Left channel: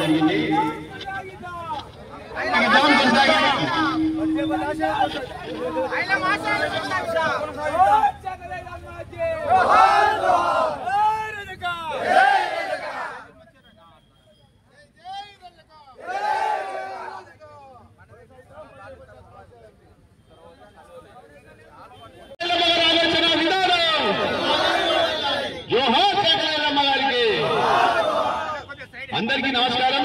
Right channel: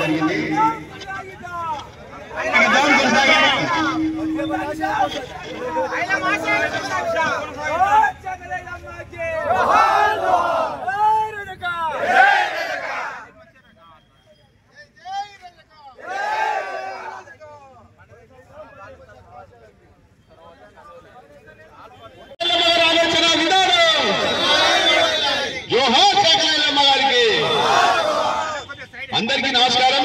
జరిగింది. అందరికీ నమస్కారం.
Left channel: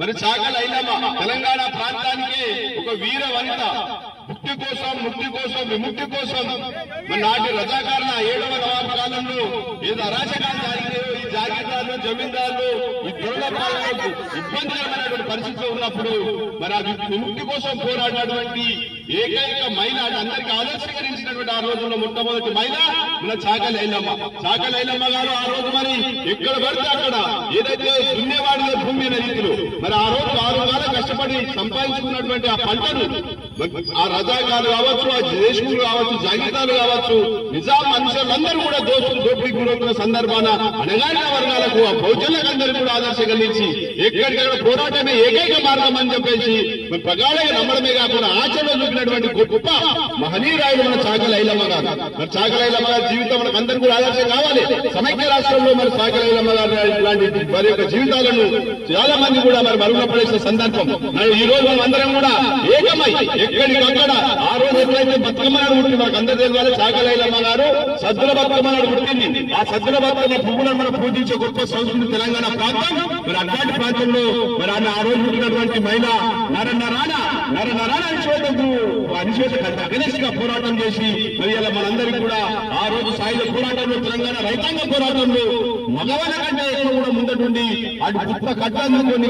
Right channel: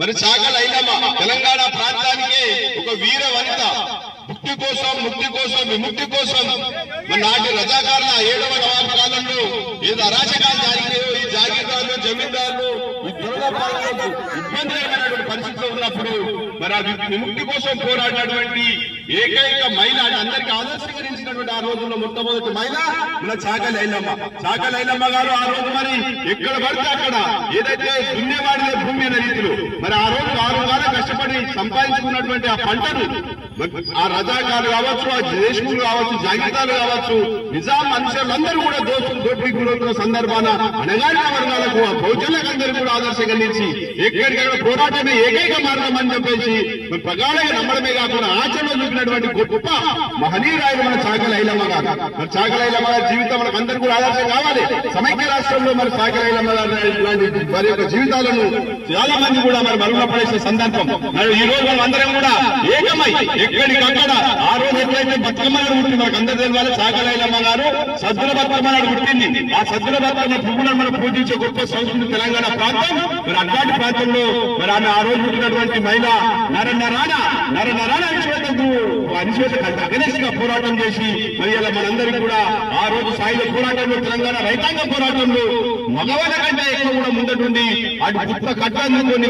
మరి చాకలి ఐలమ్మ తెలంగాణ ప్రాంతానికి ఒక వీర వనిత. ముక్తి కోసం విముక్తి కోసం మన నాటి రజాకారుల 7వ నవాబు కాలంలో ఏదో అరాచకాలు జరిగాయో ఈ జాగీర్దారులు జమీందారులు ఈ దొరలపాలకు ఇబ్బందికరమైనటువంటి పరిస్థితిలో ఉన్నప్పుడు మరి ఆ విముక్తి కోసం పోరాడినటువంటి ఏకైక మహిళ అందరికీ ఆలోచనకరించినటువంటి ఆ రోజుల్లో మొట్టమొదటి మహిళ మన చాకలి ఐలమ్మ. చాకలి ఐలమ్మ గారు ఆ రోజు మరి ఎక్కడ పడితే అక్కడ ఏదైతే దున్నేవాడిదే భూమి అనే రీతిలో మరి ఆ రోజు 6 కాలం కష్టపడి సంపాదించుకున్నటువంటి ఆ పంటను ఆ రజాకారులు కావచ్చు, ఆ దేశములు కావచ్చు, జాగీర్దారులు కావచ్చు, నిజాం మనుషులందరూ కూడా దోపిడీ గురవుతున్న సందర్భాన అణగారిన వర్గాలకు ఆ బహుజనులందరూ కూడా ఆదర్శం కలిగించి ఎక్కడికక్కడ పోరాటమే ఏకైక మార్గం అని చెప్పేసి ప్రగాఢంగా నమ్మడమే కాకుండా ఆచరణలో చూపినటువంటి గొప్ప మహనీయురాయలు మన చాకలి ఐలమ్మ గారు. మరి చాకలి ఐలమ్మ గారి జీవితం మనకు అందరూ కూడా ఆదర్శం కావాలి. సమైక్య రాష్ట్రంలో మరి చాకలి ఐలమ్మ గారు ఇలాంటి వారి యొక్క జీవితాలను చాలా మంది కూడా మరి మరుగున పడేసిన సందర్భం. మరి ఈ రోజు మనం అందరం కూడా ఏకమై ఎక్కడికక్కడ ఆ రోజు ఎట్లయితే బతుకమ్మ నాడు పుట్టింది మనకు అందరూ తెలియాలి. చాకలి ఐలమ్మ గారు సద్దుల బతుకమ్మ నాడు పుట్టింది. ఆ సద్దుల బతుకమ్మ పువ్వులను మనం పూజించే గొప్ప సంస్కృతి తెలంగాణ ప్రాంతం. మరి అట్లాంటి ప్రాంతంలో మరి ఆమె ఆ రోజు పుట్టినటువంటి మహిళ నరనరాన అనిశ్వేతగా పోరాటం చేసి మరి ఇలా మనందరికీ కూడా ఆ రోజు సాయుధ పోరాటంలో తెలంగాణ రైతాంగ పోరాటంలో మగవాళ్ళ కంటే ఎక్కువ కూడా ముందటుండి అటు పుట్ట కట్టాన్ని కొన్ని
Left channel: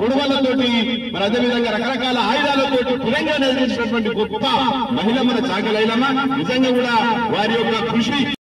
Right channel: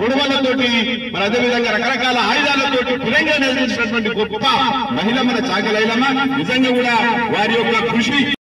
గొడవలతోటి మరి అదేవిధంగా రకరకాల ఆయుధాలతోటి తెలంగాణ నిలిచినటువంటి గొప్ప మహిళ మన చాకలి ఐలమ్మ. నిజంగా కూడా వారి యొక్క కృషి